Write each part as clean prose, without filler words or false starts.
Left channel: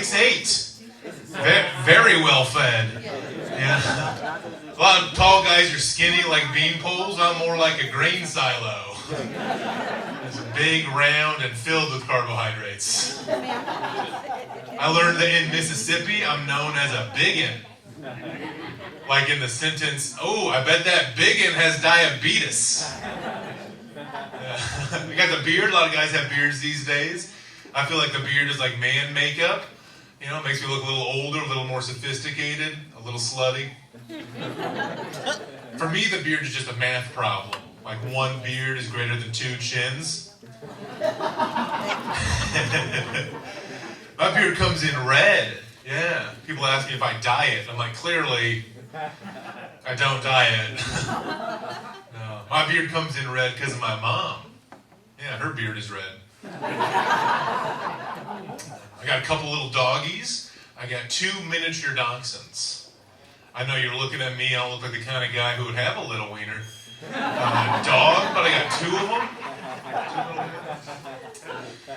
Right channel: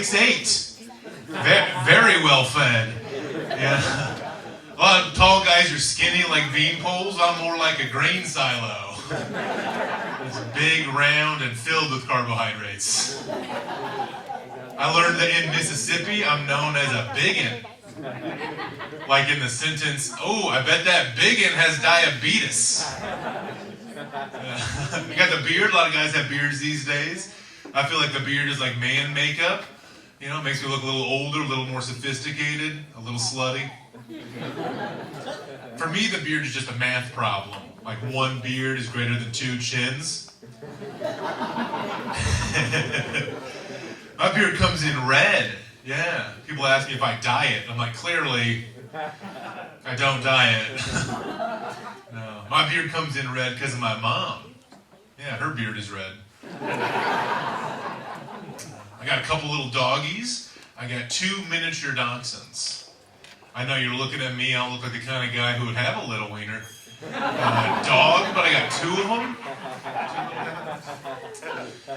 6'8". Very well fed. Yeah. A lot of tall guys are skinny like bean poles. I'm more like a grain silo. It's big, round, and filled with carbohydrates. I learned that in Mississippi, I'm known as a biggin. Like in the sentence, "Oh, I bet that biggin has diabetes." I got the beard. A lot of guys have beards these days. I feel like the beard is like man makeup. You know, it makes me look a little older, a little more sophisticated, a little slutty. For me, the beard is just a math problem. Like one beard is greater than two chins. My beard comes in red. Yeah. People ask me if I dye it. I'm like, clearly, I don't dye it. No. My beard comes in red because of my mom. Yeah, her beard is red. I got a couple little doggies. I got 2 miniature dachshunds. I know you're looking at me. I don't look like the kind of guy who would have a little wiener. Dog, but I got 2 of them.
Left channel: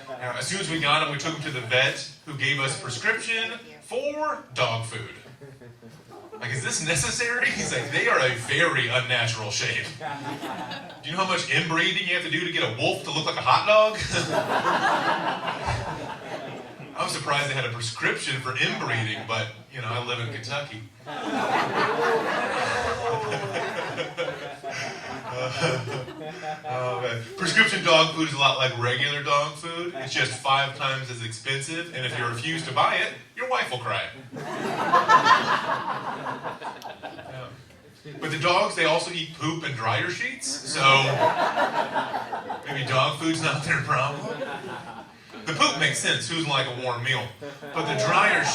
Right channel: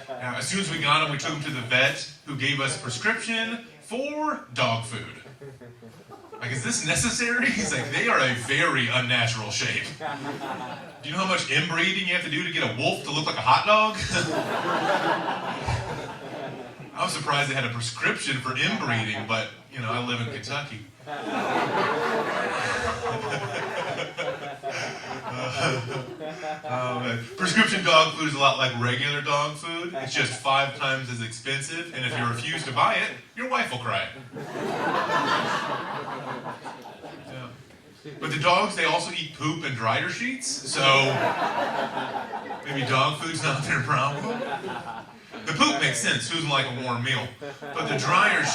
Now, as soon as we got them, we took them to the vet, who gave us a prescription for dog food. Like, is this necessary? He's like, they are a very unnatural shape. Do you know how much inbreeding you have to do to get a wolf to look like a hot dog? I was surprised they had a prescription for inbreeding, but, you know, I live in Kentucky. Prescription dog food is a lot like regular dog food. It's just 5 times as expensive, and if you refuse to buy it, your wife will cry. Yeah. But the dogs, they also eat poop and dryer sheets, so maybe dog food's not their problem. The poop makes sense. Who doesn't like a warm meal? But the dryer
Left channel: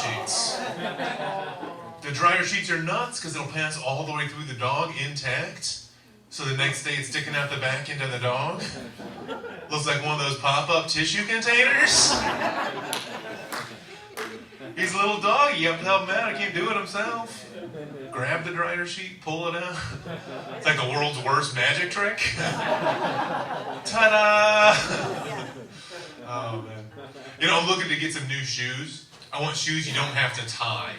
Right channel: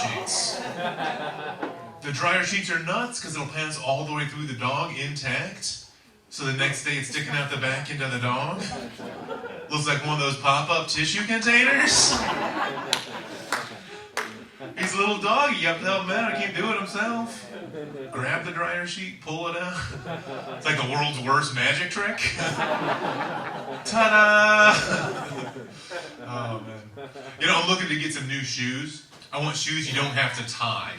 sheets are nuts because it'll pass all the way through the dog intact. So the next day it's sticking out the back end of the dog. Looks like one of those pop-up tissue containers. He's a little dog. You have to help him out. He can't do it himself. Grab the dryer sheet, pull it out. It's like the world's worst magic trick. Ta-da! Oh, man. You know, I'm looking to get some new shoes. I want shoes you don't have to tie.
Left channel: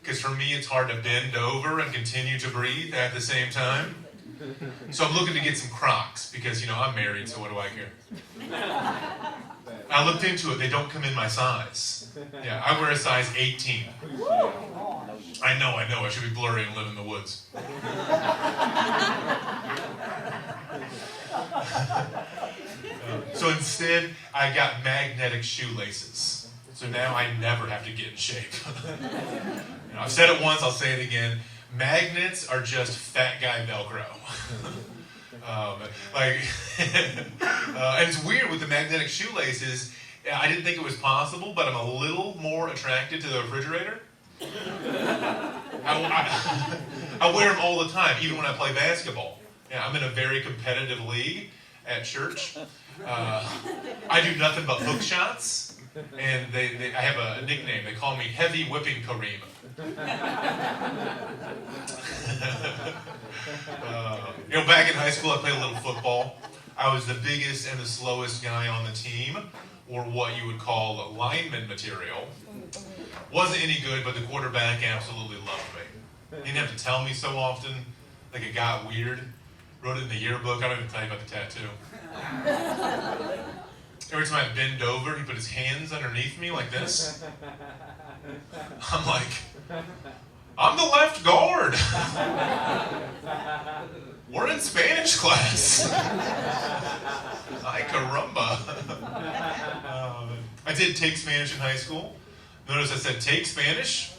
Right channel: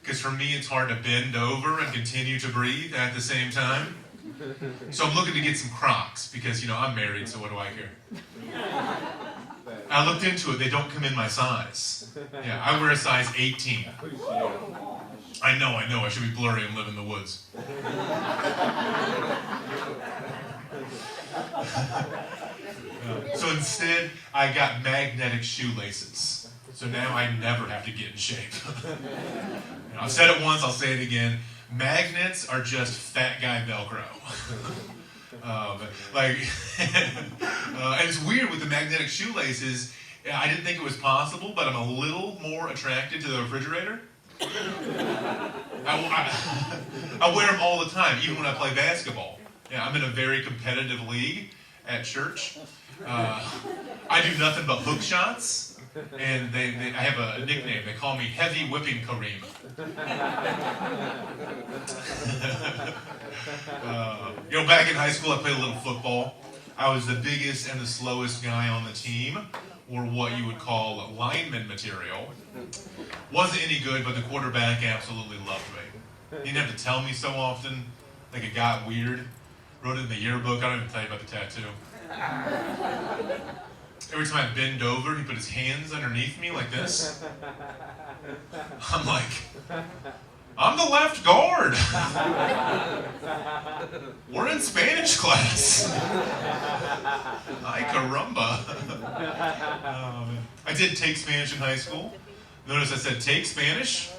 Because for me, it's hard to bend over and continue to breathe at the same time. So I'm looking to get some Crocs because, you know, I'm married, so what do I care? I looked into it. They don't come in my size. Yeah, I wear a size 18. I know. I should be blurry and live in the woods. So instead, I got magnetic shoelaces. So now I never have to get in shape. And I've said it once, I'll say it again. Magnets are just fat guy Velcro. And it's weird with the magnetic shoelaces. I didn't think it was possible, but I'm a little more attracted to the refrigerator. I wear them all the time, even when I play basketball. Yeah, I'm in a very competitive league at church. I do nothing but hook shots. And I have a nickname. They call me Heavy Whipping Kareem. You know, back in high school, I played a little football. I was the biggest and the slowest guy on the team, or what you would call lineman material. Wasn't any good, but the quarterback absolutely loved me. He didn't have to tell me so often. Like, it got weird. Wrote it in the yearbook. I don't even tell you about the tattoo. Every time I bend over, he put his hands underneath me like this. I'm like, I'm the left guard. We're in Spanish class. Ay caramba. I did take Spanish in high school. Notice I said take Spanish,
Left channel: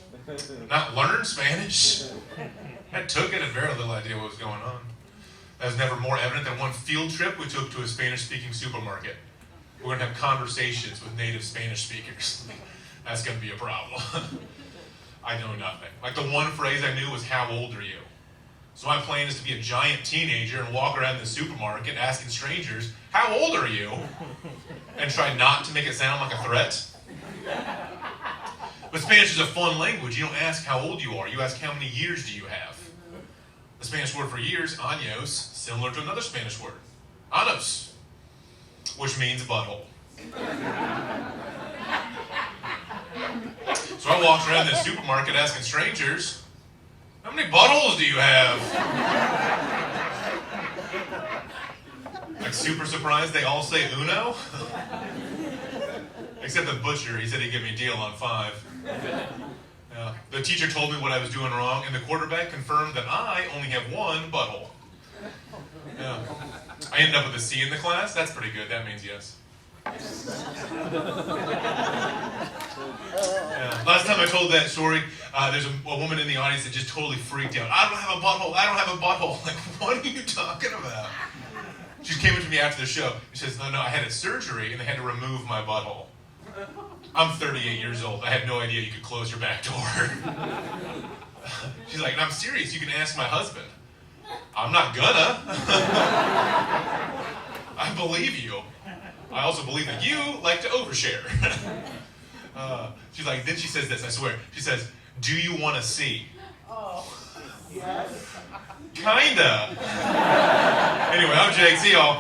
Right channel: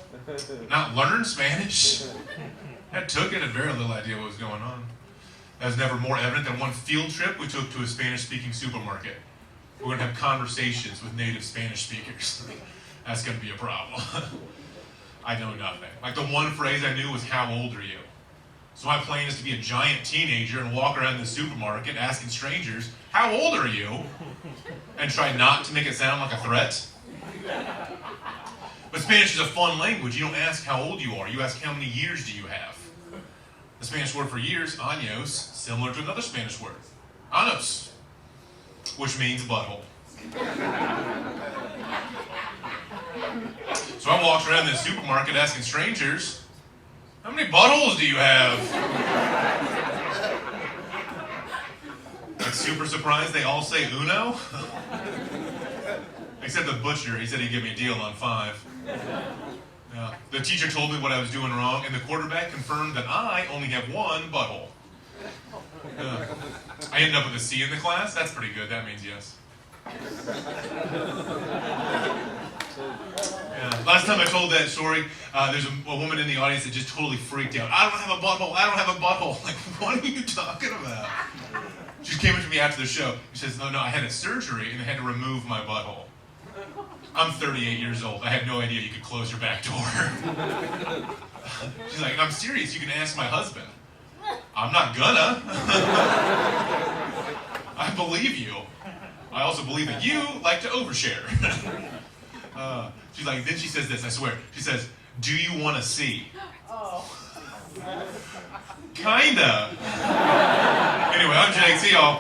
not learn Spanish. I took it, had very little idea what was going on. That was never more evident than one field trip we took to a Spanish-speaking supermarket. We're going to have conversations with native Spanish speakers. That's going to be a problem. I know nothing. Like, the one phrase I knew was, how old are you? So my plan is to be a giant teenager and walk around the supermarket asking strangers, how old are you? And try not to make it sound like a threat. But Spanish is a fun language. You don't ask how old you are. You ask how many years do you have. The Spanish word for years, años, similar to another Spanish word, anos, which means butthole. So I walked around the supermarket asking strangers, how many buttholes do you have? Like super surprised they all say uno? Except the butcher, he said he'd give me a deal on 5. Yeah. The teacher told me what I was doing wrong, and the quarterback confirmed that I only have 1 butthole. I ended up with a C in the class. That's pretty good. That means yes. Yeah. Last time I told that story, there's a woman in the audience that just totally freaked out. I don't have a butthole. I don't have a butthole. Like, what are you talking about? She came up to me after the show. She says, no, I had a surgery and they had to remove my butthole. I'm 38 years old. I had no idea you could close your back door. She's like, I'm serious. You can ask my husband. I'm not gonna. I believe you. I also believe that you like to overshare. She's like, then she says this, I swear. She says, do you want to see? Oh, yes. Kinda. Anyway, I'm Jake. See y'all.